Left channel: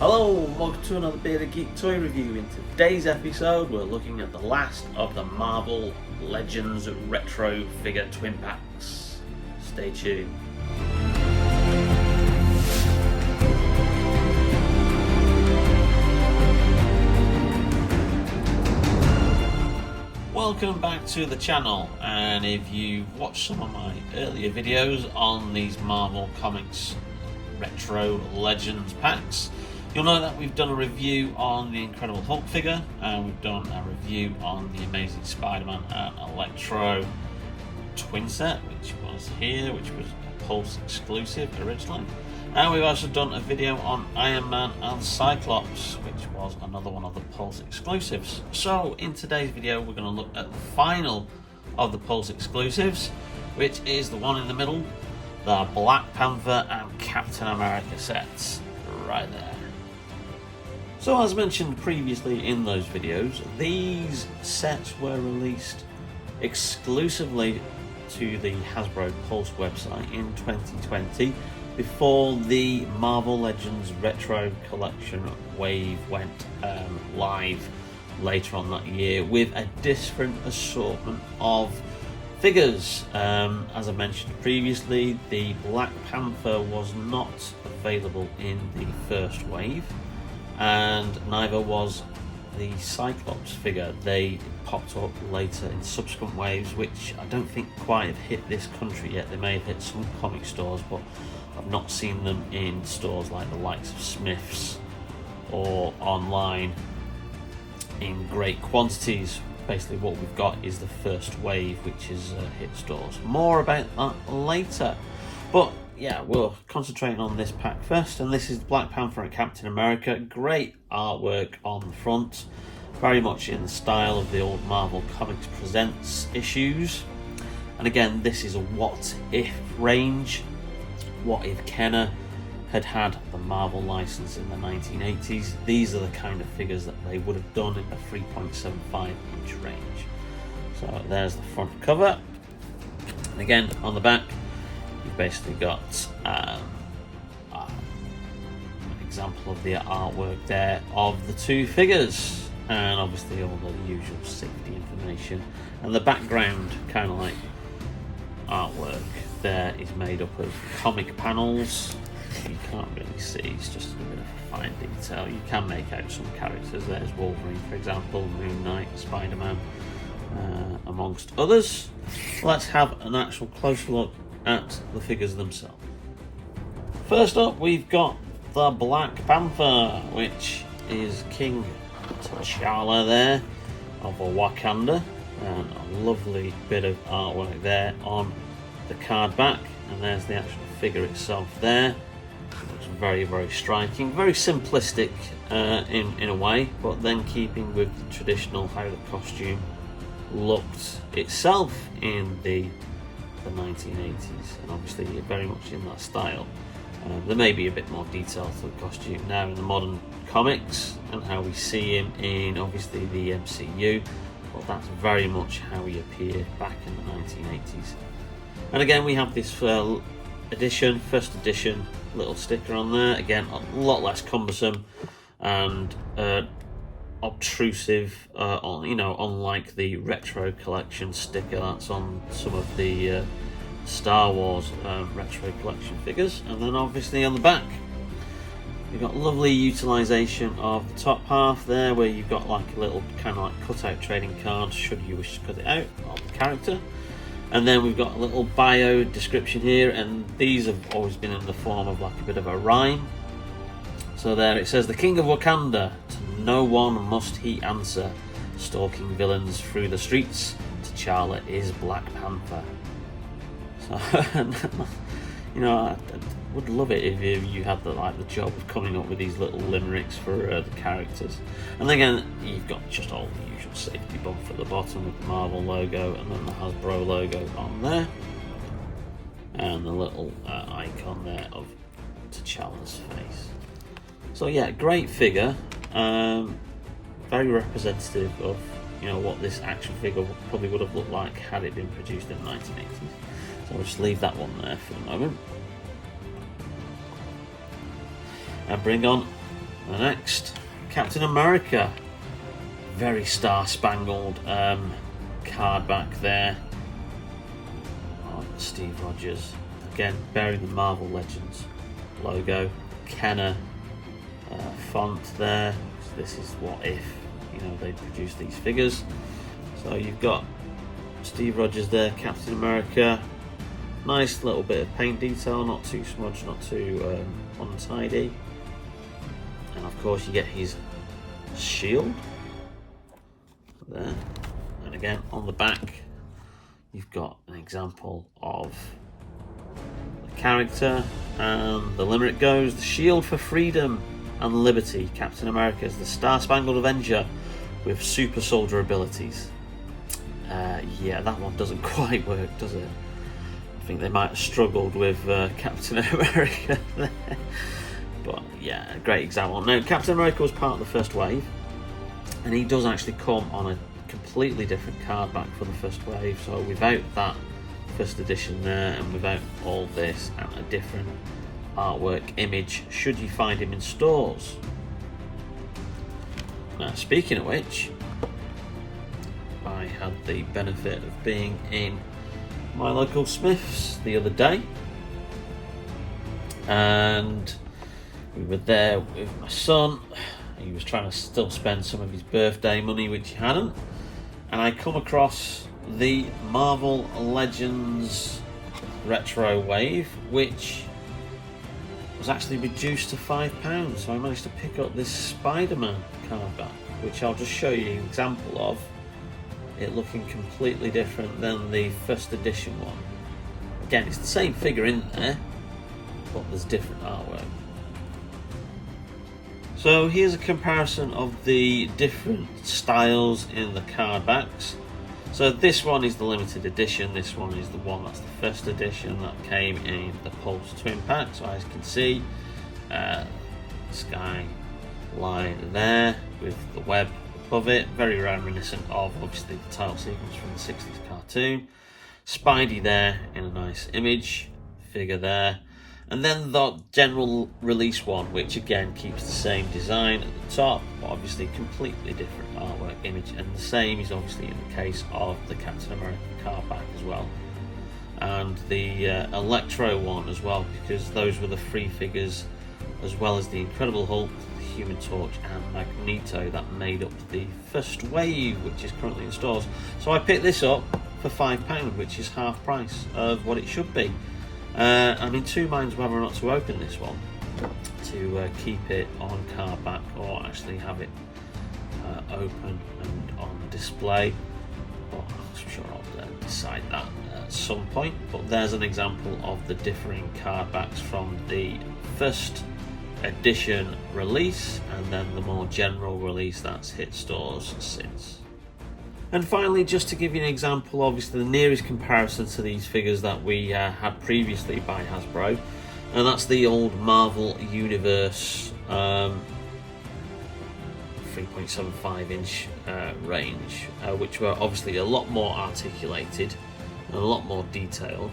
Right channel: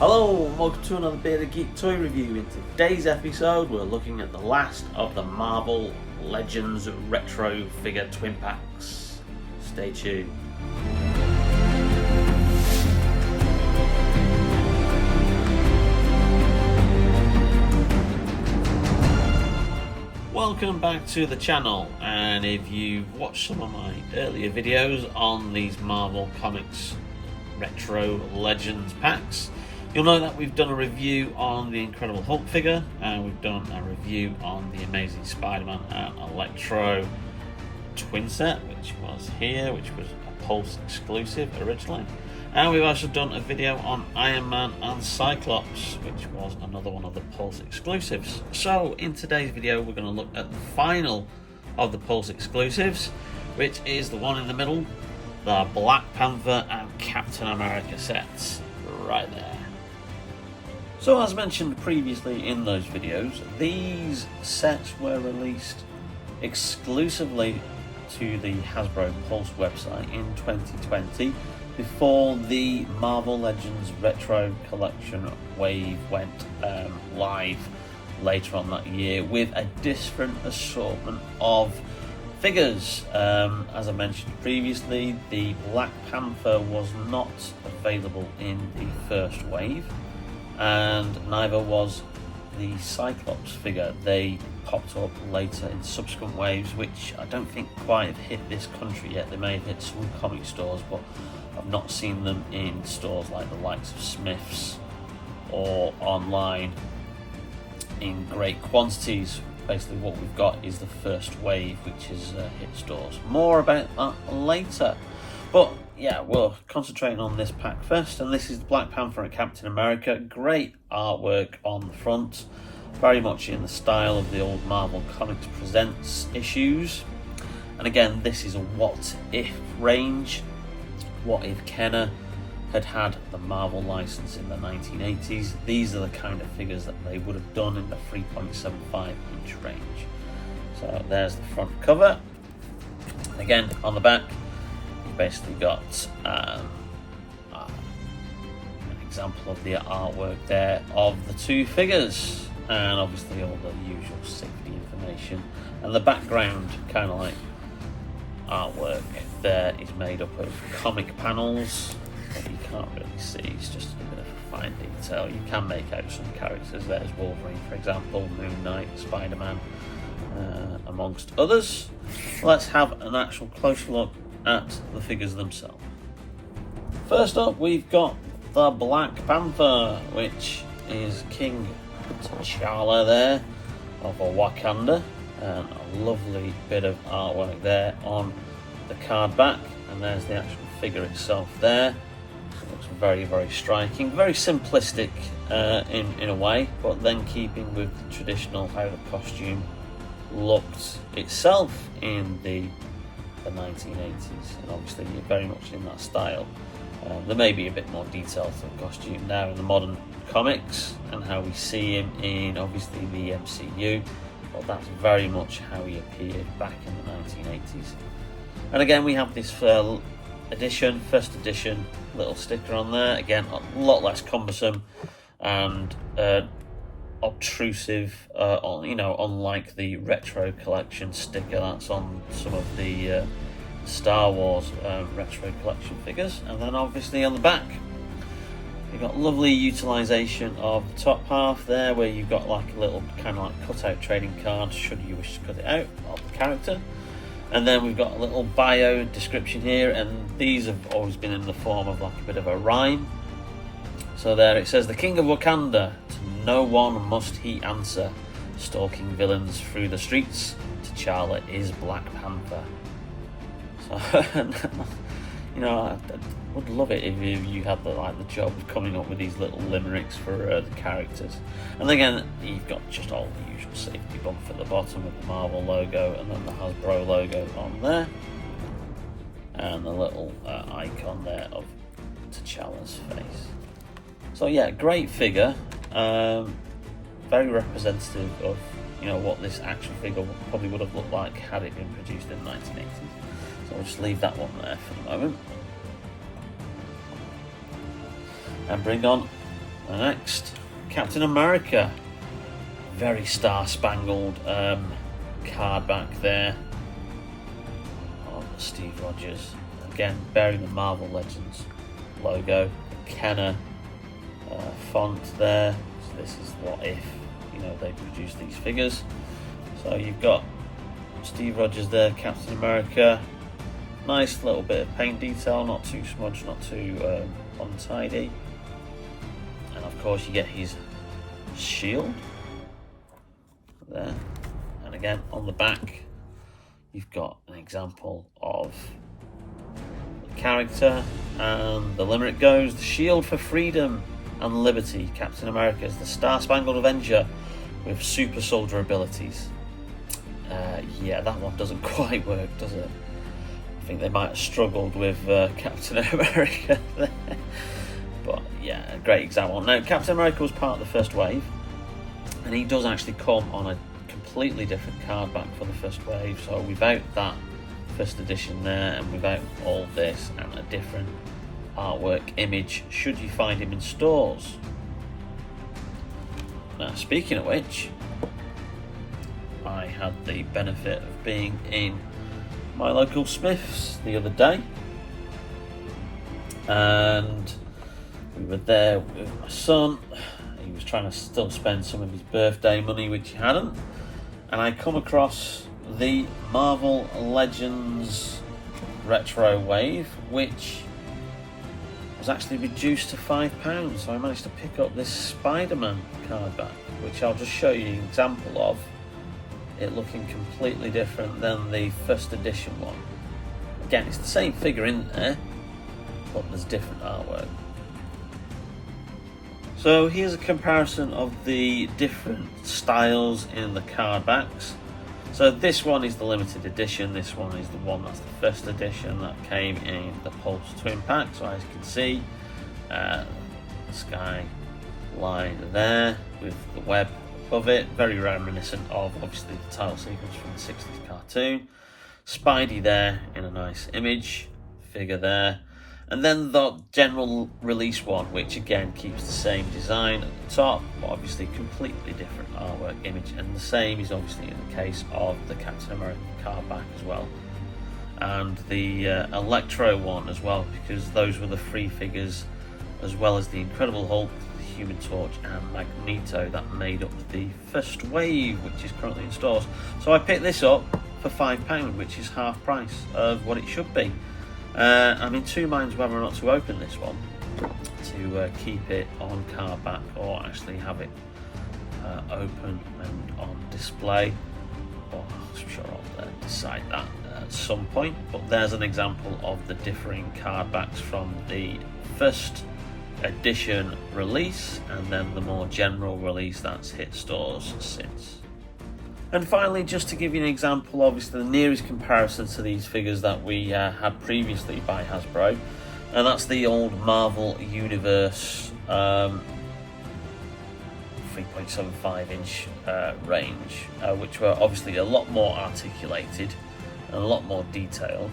Hello and welcome to another Bearded Geek toy review. In today's episode we're looking at the last of the Marvel Legends retro figure twin packs. Stay tuned. Welcome back to the channel, and if you've watched some of my earlier videos on these Marvel Comics retro Legends packs, you'll know that we've done a review on the Incredible Hulk figure, and we've done a review on the Amazing Spider-Man and Electro twin set, which was here, which was a Pulse exclusive originally. And we've also done a video on Iron Man and Cyclops, which was another one of the Pulse exclusives. So in today's video we're going to look at the final of the Pulse exclusives, which is the one in the middle, the Black Panther and Captain America sets, right there. So as mentioned previously in those videos, these sets were released exclusively to the Hasbro Pulse website in 2020, before the Marvel Legends Retro Collection wave went live later on that year with a different assortment of figures. As I mentioned previously, the Black Panther was not available in the first wave, and neither was the Cyclops figure. They popped up later in subsequent waves, which I don't think quite have hit this country yet. They may have hit some comic stores, but I've not seen them in stores like the likes of Smith's or online in great quantities. Basically what we've got is the first wave, which is hit stores. More about that later. But yeah, we're concentrating on this pack first, and this is Black Panther and Captain America. Great artwork on the front, very much in the style of the old Marvel Comics Presents issues. And again, this is a what if range. What if Kenner had the Marvel license in the 1980s? These are the kind of figures that they would have done in the 3.75 inch range. So there's the front cover. Again, on the back, you've basically got an example of the artwork there of the two figures, and obviously all the usual safety information. And the background, kind of like artwork there, is made up of comic panels. You can't really see, it's just a bit of a fine detail. You can make out some characters. There's Wolverine, for example, Moon Knight, Spider-Man, amongst others. Let's have an actual closer look at the figures themselves. First up, we've got the Black Panther, which is King T'Challa there of Wakanda, and a lovely bit of artwork there on the card back. And there's the actual figure itself there. Looks very, very striking, very simplistic in a way, but then keeping with the traditional how the costume looked itself in the 1980s, and obviously very much in that style. There may be a bit more detail to the costume now in the modern comics and how we see him in obviously the MCU, but that's very much how he appeared back in the 1980s. And again, we have this first edition little sticker on there. Again, a lot less cumbersome and obtrusive, unlike the retro collection sticker that's on some of the Star Wars retro collection figures. And then obviously on the back, you've got lovely utilisation of the top half there, where you've got like a little kind of like cut-out trading card, should you wish to cut it out, of the character. And then we've got a little bio description here, and these have always been in the form of like a bit of a rhyme. So there it says, "The King of Wakanda, to no one must he answer, stalking villains through the streets, T'Challa is Black Panther." So, I would love it if you had the job of coming up with these little limericks for the characters. And again, you've got just all the usual safety bump at the bottom with the Marvel logo, and then the Hasbro logo on there, and the little icon there of T'Challa's face. So yeah, great figure, very representative of what this action figure probably would have looked like had it been produced in the 1980s. So we'll just leave that one there for the moment. And bring on The next, Captain America. Very star-spangled card back there of Steve Rogers. Again, bearing the Marvel Legends logo. Kenner font there. So this is what if, you know, they produce these figures. So you've got Steve Rogers there, Captain America. Nice little bit of paint detail, not too smudged, not too untidy. And of course you get his shield there. And again, on the back, you've got an example of the character, and the limerick goes: the shield for freedom and liberty. Captain America is the Star-Spangled Avenger with super soldier abilities. Yeah, that one doesn't quite work, does it? I think they might have struggled with Captain America there. But yeah, great example. Now, Captain America was part of the first wave, and he does actually come on a completely different card back for the first wave. So without that first edition there, and without all this, and a different artwork image, should you find him in stores. Now, speaking of which, I had the benefit of being in my local Smiths the other day, and we were there with my son. He was trying to still spend some of his birthday money, which he hadn't, and I come across the Marvel Legends Retro Wave, which was actually reduced to £5. So I managed to pick up this Spider-Man card back, which I'll just show you an example of it looking completely different than the first edition one. Again, it's the same figure in there, but there's different artwork. So here's a comparison of the different styles in the card backs. So this one is the limited edition, this one is the one that's the first edition that came in the Pulse twin pack. So as you can see, the sky line there with the web above it, very reminiscent of obviously the title sequence from the 60s cartoon. Spidey there in a nice image figure there, and then the general release one, which again keeps the same design at the top, but obviously completely different artwork image, and the same is obviously in the case of the Captain America card back as well, and the Electro one as well, because those were the free figures, as well as the Incredible Hulk, the Human Torch and Magneto that made up the first wave, which is currently in stores. So I picked this up for £5, which is half price of what it should be. I'm in two minds whether or not to open this one, to keep it on card back or actually have it open and on display. Well, I'm sure I'll decide that at some point. But there's an example of the differing card backs from the first edition release, and then the more general release that's hit stores since. And finally, just to give you an example, obviously the nearest comparison to these figures that we had previously by Hasbro, and that's the old Marvel Universe 3.75 inch range, which were obviously a lot more articulated and a lot more detailed,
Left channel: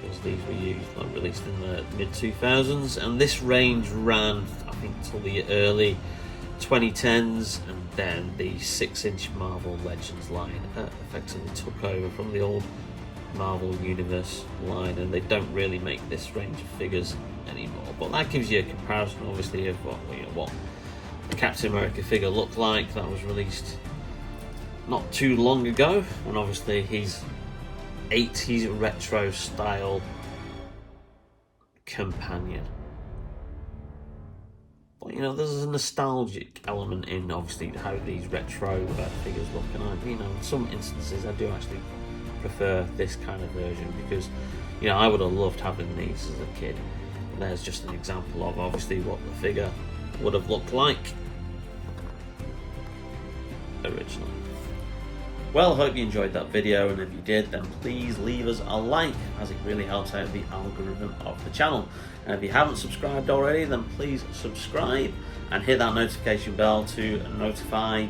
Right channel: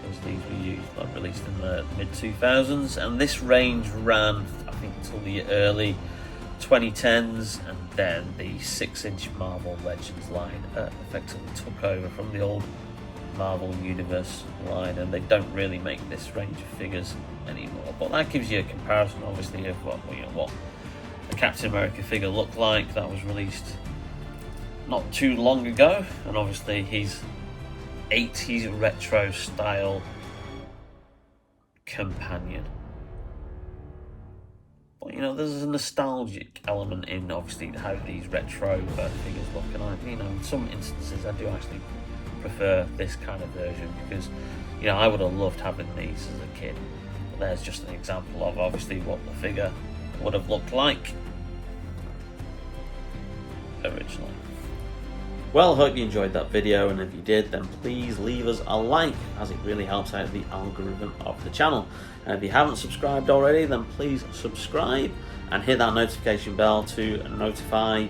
because these were used, like, released in the mid-2000s, and this range ran, I think, till the early 2010s, and then the 6-inch Marvel Legends line effectively took over from the old Marvel Universe line, and they don't really make this range of figures anymore. But that gives you a comparison, obviously, of what the Captain America figure looked like that was released not too long ago, and obviously his 80s retro style companion. But there's a nostalgic element in obviously how these retro figures look, and in some instances I do actually prefer this kind of version, because I would have loved having these as a kid. But there's just an example of obviously what the figure would have looked like originally. Well, I hope you enjoyed that video, and if you did, then please leave us a like, as it really helps out the algorithm of the channel. And if you haven't subscribed already, then please subscribe and hit that notification bell to notify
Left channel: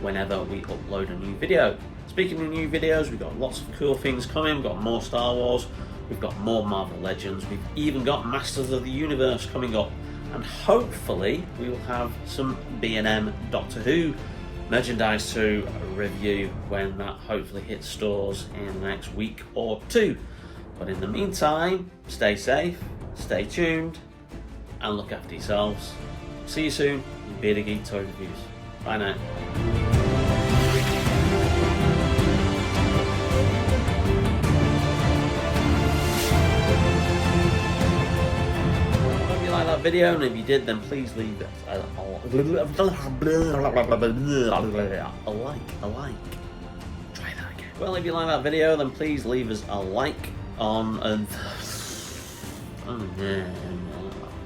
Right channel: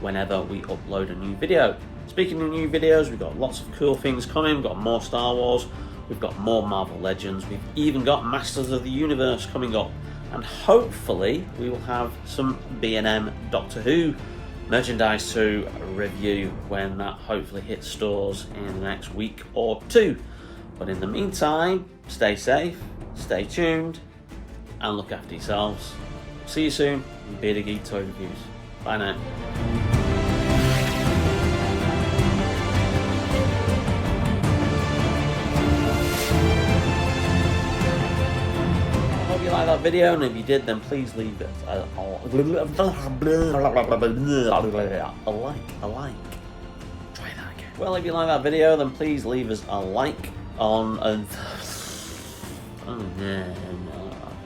whenever we upload a new video. Speaking of new videos, we've got lots of cool things coming. We've got more Star Wars, we've got more Marvel Legends, we've even got Masters of the Universe coming up. and hopefully we will have some B&M Doctor Who merchandise to review when that hopefully hits stores in the next week or two. But in the meantime, stay safe, stay tuned, and look after yourselves. See you soon in Bearded Geek Toy Reviews. Bye now. Hope you liked that video, and if you did, then please leave it a like. Try that again. Well, if you like that video, then please leave us a like on and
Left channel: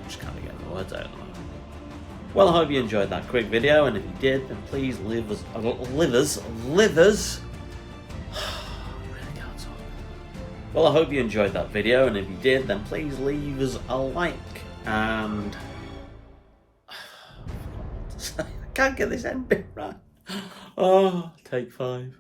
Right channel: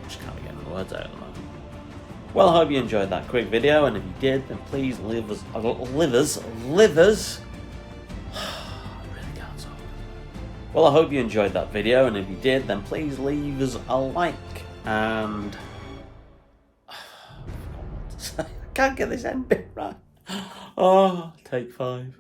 just can't get the words out at the moment. Well, I hope you enjoyed that quick video, and if you did, then please leave us I really can't talk. Well, I hope you enjoyed that video, and if you did, then please leave us a like, and I can't get this ending right. Oh, take 5.